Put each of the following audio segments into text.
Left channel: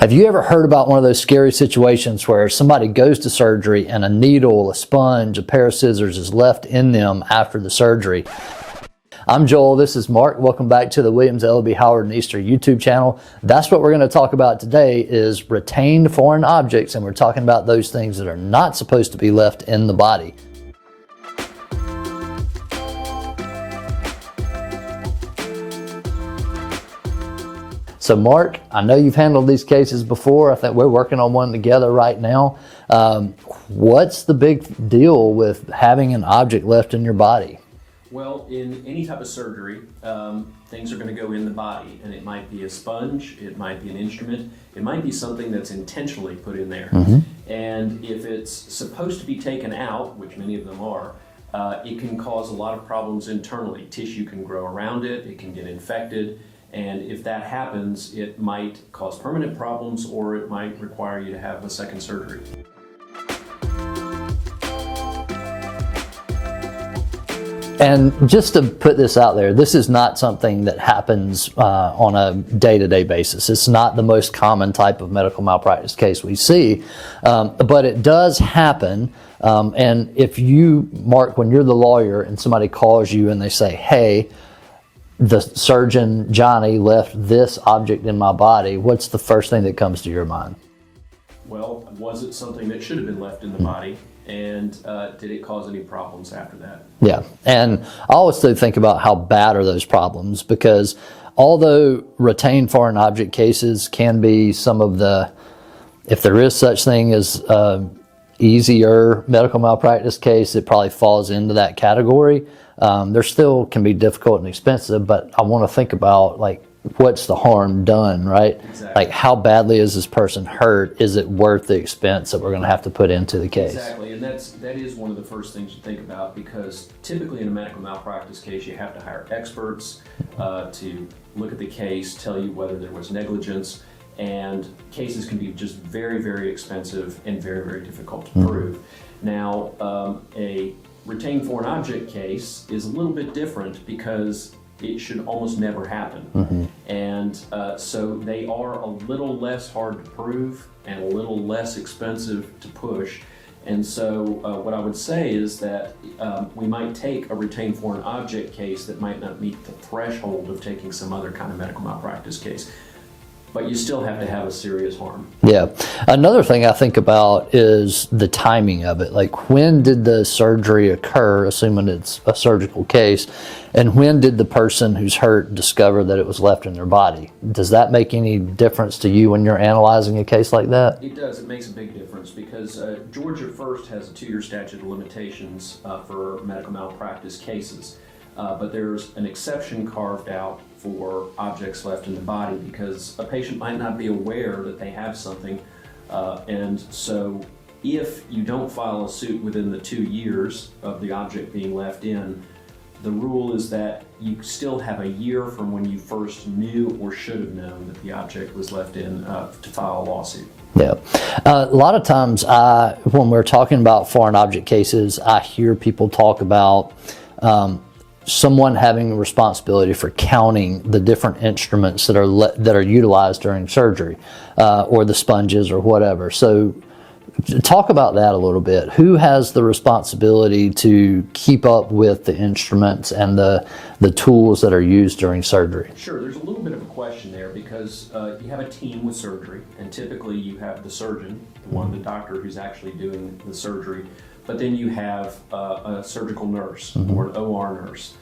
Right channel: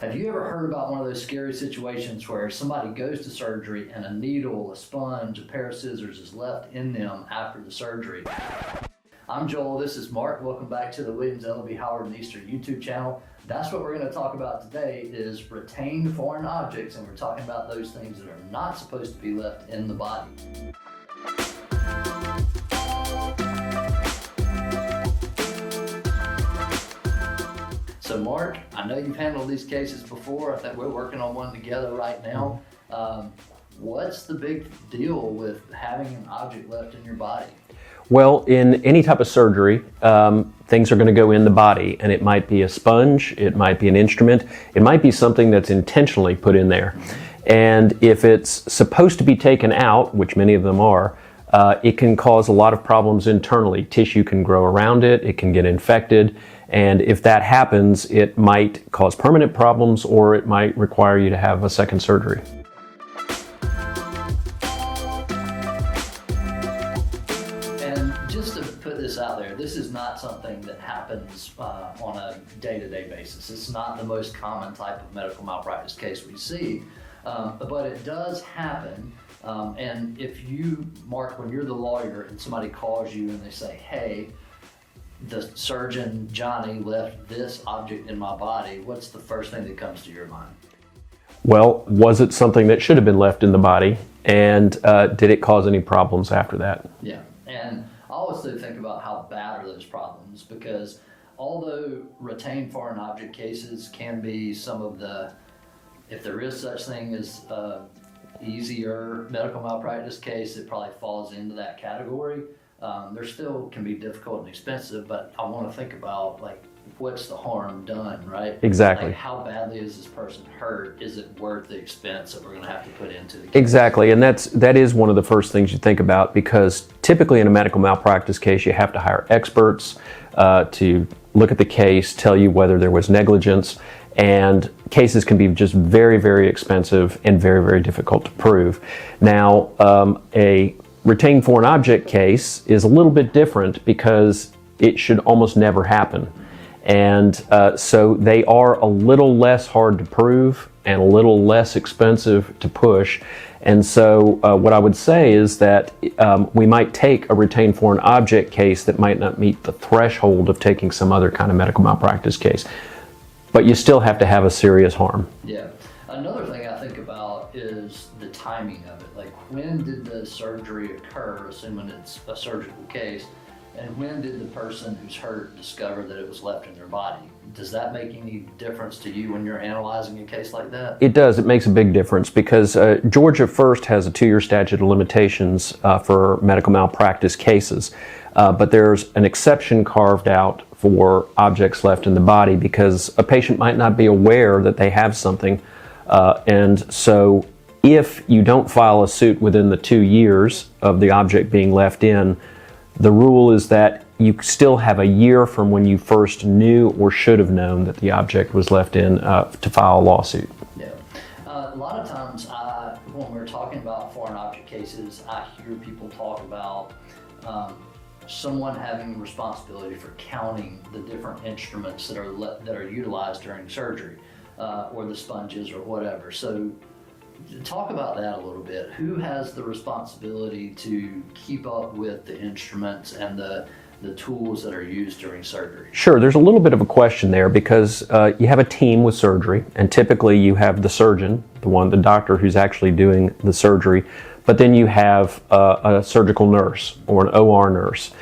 Have you ever heard about one of those scary situations where somebody goes to surgery and a needle, a sponge, a pair of scissors is left in them after the surgery? I'm Joel, this is Mark. Welcome back to the Williams, Elleby, Howard, and Easter YouTube channel. That's what we're going to talk about today is retained foreign objects, and we're talking about those things that are not supposed to be left in the body. So Mark, I know you've handled these cases before. I think we're working on one together right now. What's the big deal with having an object left in your body? Well, in any type of surgery, things are going to go in the body, and it might be a sponge, it might be an instrument, it might be something that's intentionally put in there. And if it's supposed to be taken out, which many of them are, it can cause a lot of problems internally. Tissue can grow around it, it can get infected, and if that happens, it might cause permanent problems or it might require you to have a second surgery. And just to put this out there, this is not something that happens on a day-to-day basis. It's not the most common type of medical malpractice case we see, but it does happen. And if you, Mark, when you're the lawyer and somebody calls you and they say, hey, the surgeon, Johnny, left this object in my body, what's the first thing that comes to your mind? Well, was it something that should have been left in the body? And did it cause any problems after that? Yeah, and I always do think about how bad are those problems, because although retained foreign object cases can be some of the, if there is such thing as easier medical malpractice case, it probably falls into that category. There still can be difficult and expensive, but I want to think about, like, what's the harm done, right? Exactly. Like, how badly is this person hurt? Is it worth the expense that we're going to have to put into the case? Exactly, and that is one of the first things you think about, because typically in a medical malpractice case you have to hire experts to look at the case, tell you whether there was negligence, and cases can be just very, very expensive and very, very difficult to prove. Now, a retained foreign object case is a little bit different because it should almost never happen. And so they are a little less hard to prove and a little less expensive to push. And so what I would say is that we might take a retained foreign object case that might not meet the threshold of taking some other kind of medical malpractice case, but you still have to have a serious harm. Yeah. Another thing I think about is the timing of it. Like, when did the surgery occur, assuming it's a surgical case, and when did the person who's hurt discover that it was left in their body? Does that make any difference to you when you're analyzing a case like that? It does. It makes a big difference, because Georgia first has a 2-year statute of limitations for medical malpractice cases. But there's an exception carved out for objects left in the body, because a patient might not be aware that they have something. And so if you don't file a suit within the 2 years of the object being left in, the rule is that you still have a year from when you first knew or should have known that the object was left in to file a lawsuit. Yeah. A lot of times when we're talking about foreign object cases, I hear people talk about someone having responsibility for counting the different instruments that are utilized during surgery, or the sponges or whatever. So talk about that a little bit. Who has the responsibility to keep up with the instruments and the tools that are used during surgery? Sure, there's a little bit of a question there, because you have a team with surgery, and typically you have the surgeon, the doctor who's actually doing the surgery, but then you have a surgical nurse or an OR nurse.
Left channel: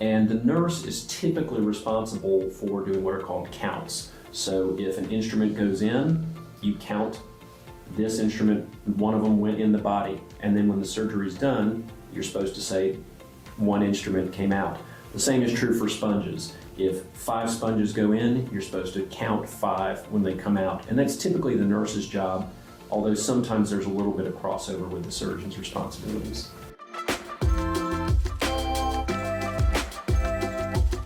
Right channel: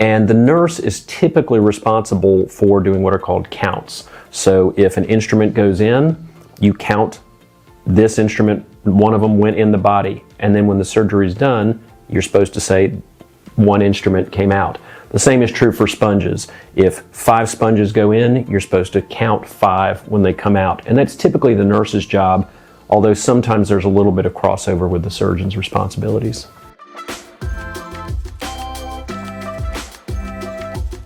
And the nurse is typically responsible for doing what are called counts. So if an instrument goes in, you count this instrument, one of them went in the body. And then when the surgery is done, you're supposed to say one instrument came out. The same is true for sponges. If 5 sponges go in, you're supposed to count 5 when they come out. And that's typically the nurse's job, although sometimes there's a little bit of crossover with the surgeon's responsibilities.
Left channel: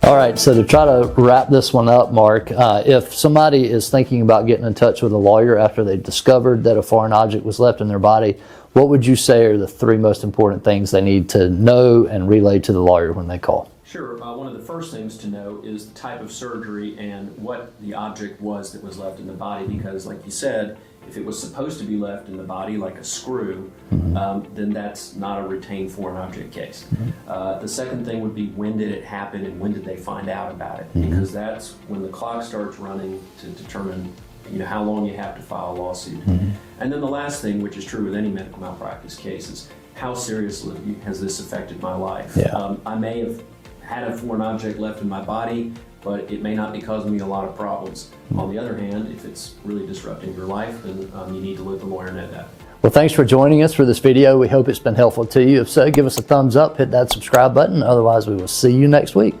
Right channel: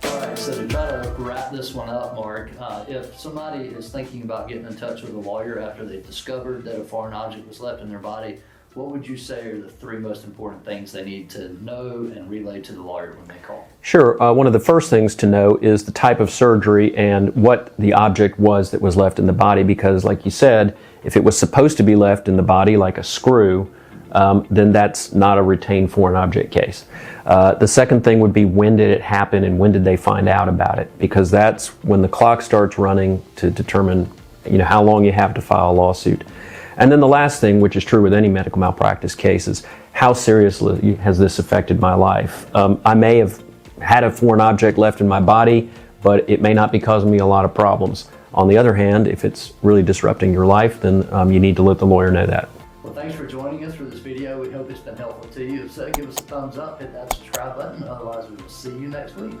All right, so to try to wrap this one up, Mark, if somebody is thinking about getting in touch with a lawyer after they discovered that a foreign object was left in their body, what would you say are the 3 most important things they need to know and relay to the lawyer when they call? Sure. One of the first things to know is the type of surgery and what the object was that was left in the body, because like you said, if it was supposed to be left in the body like a screw, then that's not a retained foreign object case. The second thing would be, when did it happen and when did they find out about it? Because that's when the clock starts running to determine how long you have to file a lawsuit. And then the last thing, which is true with any medical malpractice case, is how seriously has this affected my life? I may have had a foreign object left in my body, but it may not be causing me a lot of problems. On the other hand, if it's really disrupting your life, then you need to let the lawyer know that. Well, thanks for joining us for this video. We hope it's been helpful to you. If so, give us a thumbs up, hit that subscribe button. Otherwise, we will see you next week.